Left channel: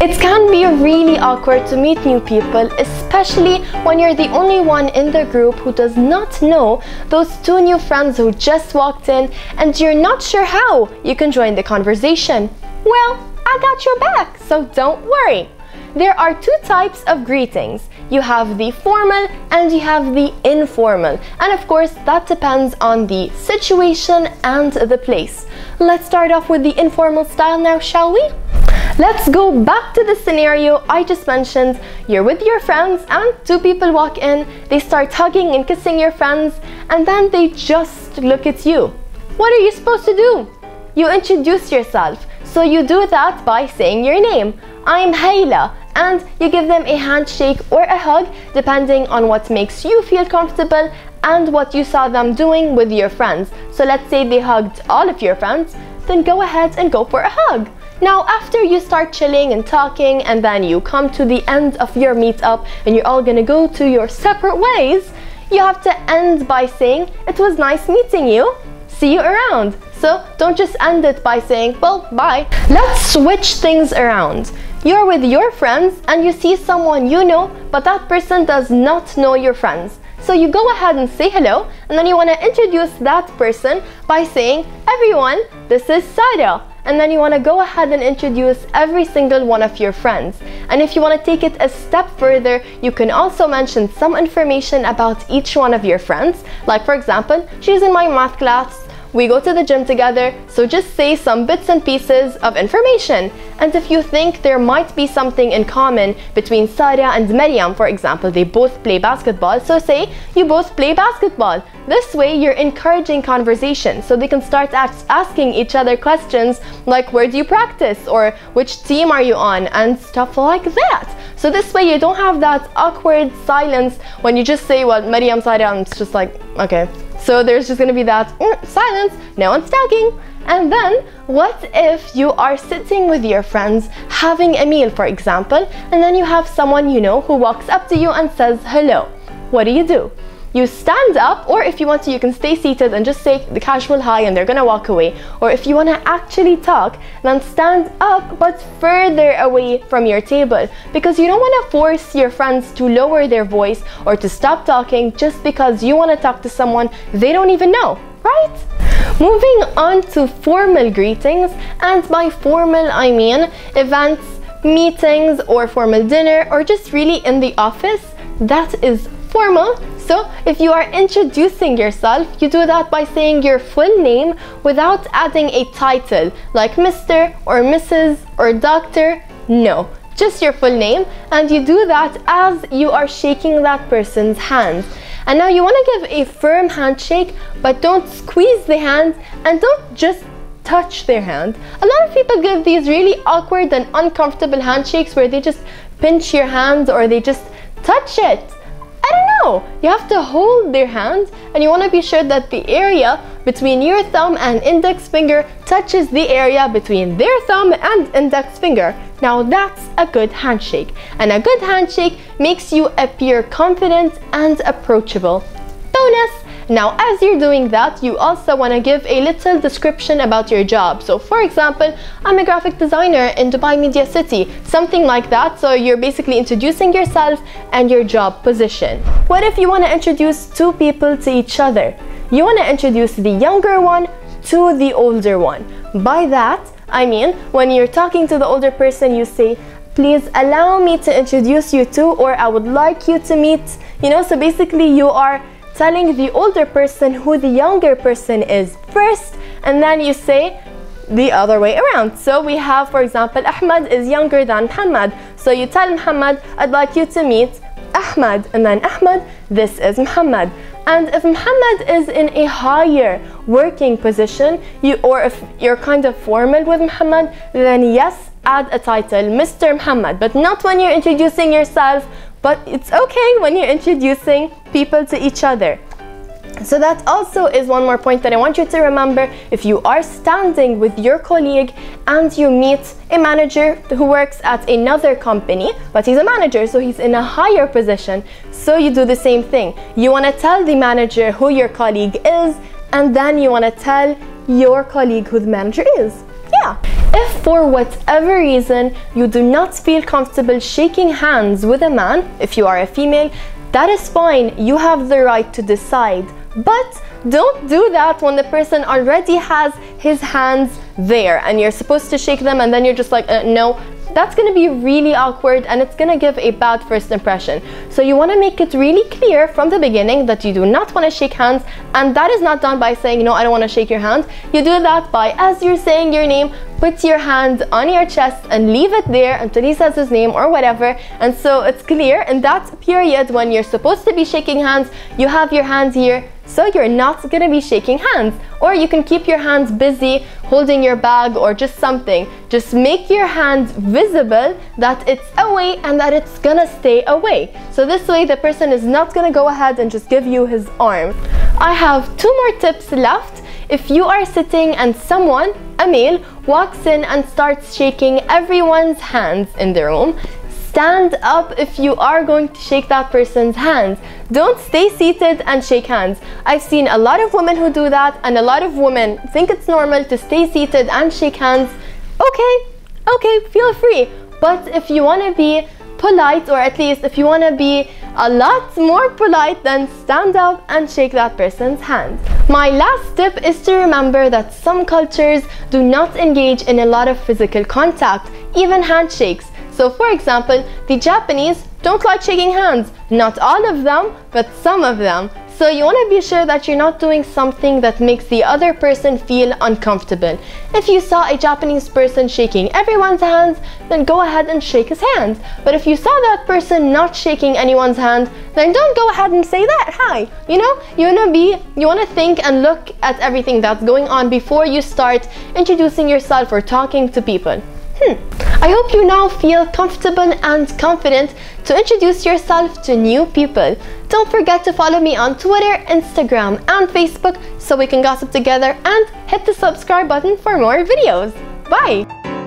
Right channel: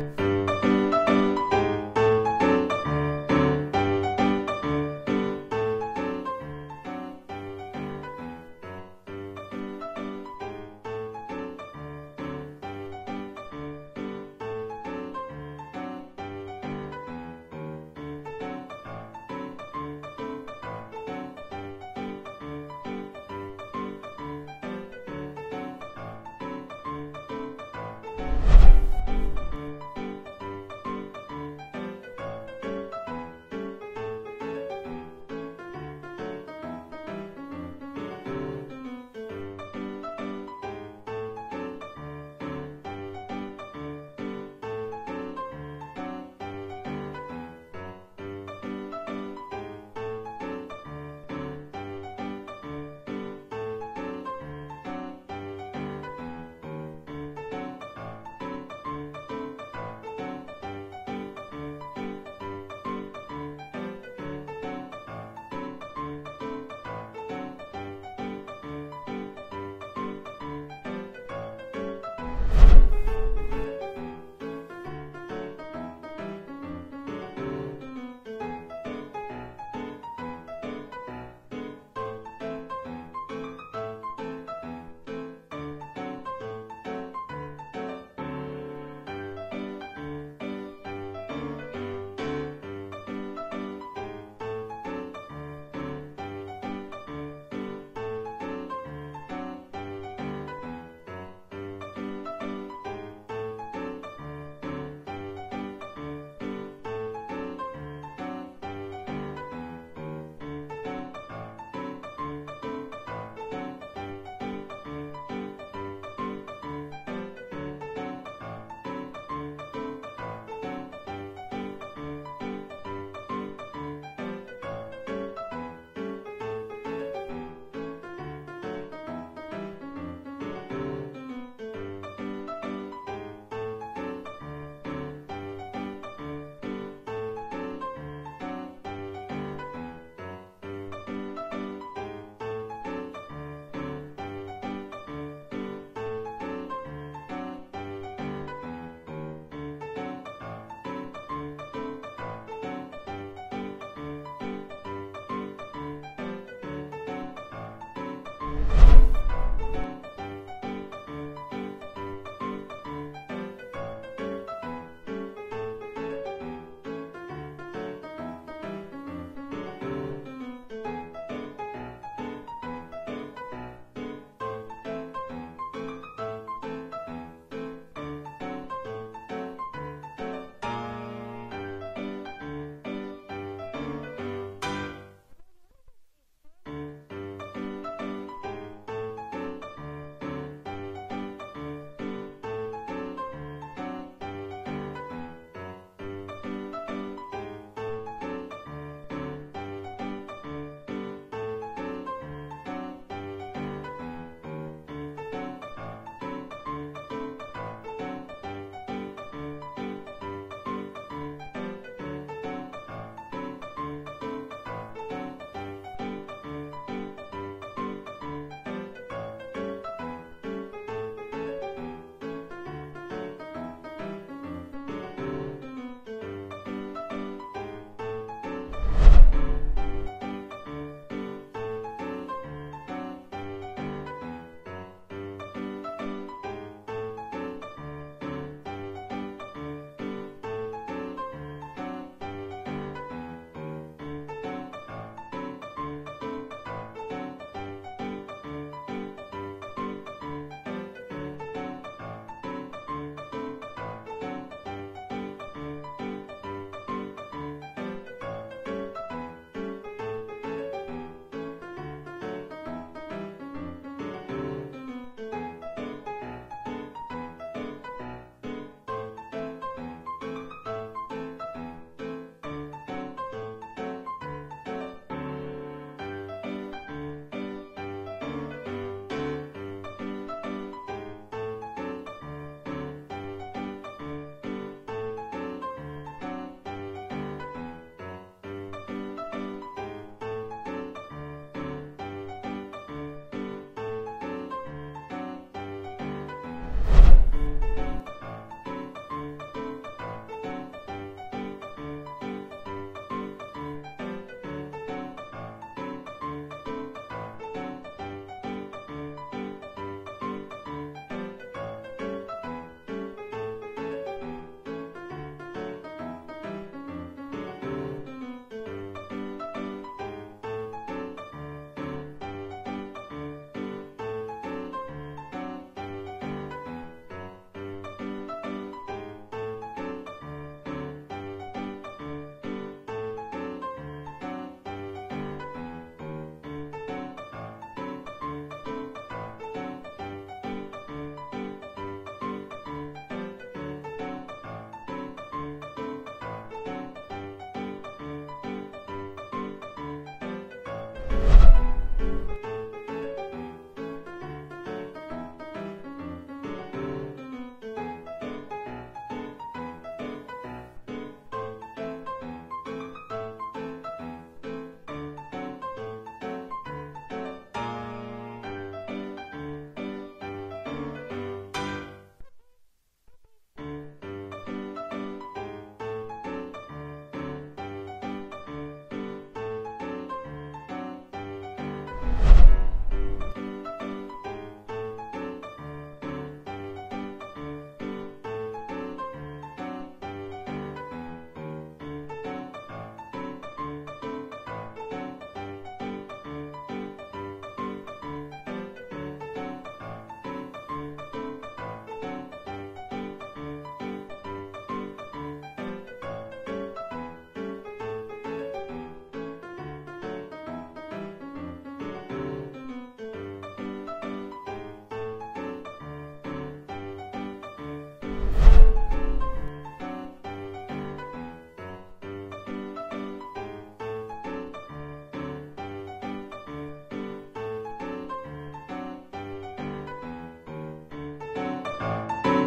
It can be really awkward to meet new people, especially when you're the only one in the group who does not know those two new friends who just walked in and you're not sure how you can join the conversation. Well, I got your back, so don't worry. There are two types of greetings. You have the formal and you have the informal. And of course, that depends on the situation and the place. Let's start off with the informal style now, shall we? Let's go back to the scenario I just mentioned. You're with your friends and two people walk in. They start hugging and kissing your friends and then they just look at you. What are you supposed to do? You introduce yourself. So you do that by saying your name. I'm Hayla, and you give them a handshake or a hug depending on what makes you feel comfortable and what you saw them doing with your friends. So let's say they hugged all of your friends, then go ahead and go for a hug. Now after you start chilling and talking and then you come to the end of your meetup and you're all gonna go to your separate ways, you have to end by saying, it was nice meeting you. See you around. So don't just end it by saying, well, bye. Let's switch things around. You're with your friends and you see someone you know, but that person does not know your friends. So you go ahead and say hello, and then you want to introduce that person by saying, everyone, this is Sarah. And then you want to go ahead and introduce every single one of your friends. And if you want to take it a step further, you can also mention some information about each one of your friends. Like for example, she's in my math class, we go to the gym together, so just say some bits and pieces of information. And if you think there might be something in common between Sarah and Maryam, for example, they both play basketball, so say you both play basketball. This way you're encouraging conversation, so they can start asking each other questions like, where do you practice, or which team are you on, and stuff like that. So this way you don't have that awkward silence when you just say, well, Maryam, Sarah, and it's just like, okay. So there's just gonna be that silence, no one's talking. And then what if you are sitting with your friends having a meal, for example, and then you have someone you know who walks up to you and says hello. What do? You stand up, or if you want to, you can stay seated and just say the casual hi and they're gonna walk away. Or if you want to actually talk, then stand up but further away from your table, because you don't want to force your friends to lower their voice or to stop talking just because you want to talk to someone they don't even know, right? Moving on to formal greetings, and by formal I mean events, meetings, or formal dinner, or just really in the office. That is formal. So if you are introducing yourself, you do that by saying your full name without adding a title like Mr. or Mrs. or Doctor. No, just your full name, and you do that as you are shaking that person's hand. And now you want to give a firm handshake, but don't squeeze the hand and don't just touch their hand. A lot of people give these really awkward and uncomfortable handshakes where they just pinch your hand or they just touch it. I don't know, you have to hold their hand, and you want to be sure that the area between your thumb and index finger touches the area between their thumb and index finger. Now that's a good handshake, and a good handshake makes you appear confident and approachable. Bonus! Now as you're doing that, you also want to give a little description about your job. So for example, I'm a graphic designer in Dubai Media City, something like that. So you're basically introducing yourself and your job position. What if you want to introduce two people to each other? You want to introduce the younger one to the older one. By that, I mean when you're talking to the older person, you say, please allow me to introduce you to, or I would like you to meet, so basically you are telling the older person who the younger person is first, and then you say the other way around. So we have, for example, Ahmed is younger than Muhammad. So you tell Muhammad, I'd like you to meet Ahmed, and then Ahmed, this is Muhammad. And if Muhammad is in a higher working position, or if you're kind of formal with Muhammad, then yes, add a title, Mr. Muhammad, but not when you're introducing yourself. But it's okay when you're introducing people to each other. So that also is one more point that I want you to remember. If you are standing with your colleague and you meet a manager who works at another company, but he's a manager, so he's in a higher position, so you do the same thing. You want to tell the manager who your colleague is, and then you want to tell your colleague who the manager is. Yeah. If for whatever reason you do not feel comfortable shaking hands with a man, if you are a female, that is fine. You have the right to decide. But don't do that when the person already has his hands there and you're supposed to shake them and then you're just like, no. That's going to be really awkward and it's going to give a bad first impression. So you want to make it really clear from the beginning that you do not want to shake hands, and that is not done by saying, no, I don't want to shake your hand. You do that by, as you're saying your name, put your hand on your chest and leave it there until he says his name or whatever. And so it's clear in that period when you're supposed to be shaking hands, you have your hand here, so you're not going to be shaking hands. Or you can keep your hands busy holding your bag or just something. Just make your hand visible that it's away and that it's gonna stay away. So this way the person is not gonna go ahead and just give you his arm. I have 2 more tips left. If you are sitting and someone, a male, walks in and starts shaking everyone's hands in the room, stand up if you are going to shake that person's hands. Don't stay seated and shake hands. I've seen a lot of women who do that, and a lot of women think it's normal to stay seated and shake hands. Okay, feel free. But if you want to be polite, or at least if you want to be a lot more polite, then stand up and shake that person's hand. My last tip is to remember that some cultures do not engage in a lot of physical contact, even handshakes. So for example, the Japanese don't like shaking hands. Not all of them, but some of them. So you want to be sure that you're not doing something that makes the other person feel uncomfortable. If you saw a Japanese person shaking everyone's hands, then go ahead and shake his hand. But if you saw that person not shaking anyone's hand, then don't go ahead and say that, hi. You know, you want to think and look at everything that's going on before you start introducing yourself or talking to people. I hope you now feel comfortable and confident to introduce yourself to new people. Don't forget to follow me on Twitter, Instagram, and Facebook so we can gossip together, and hit the subscribe button for more videos. Bye!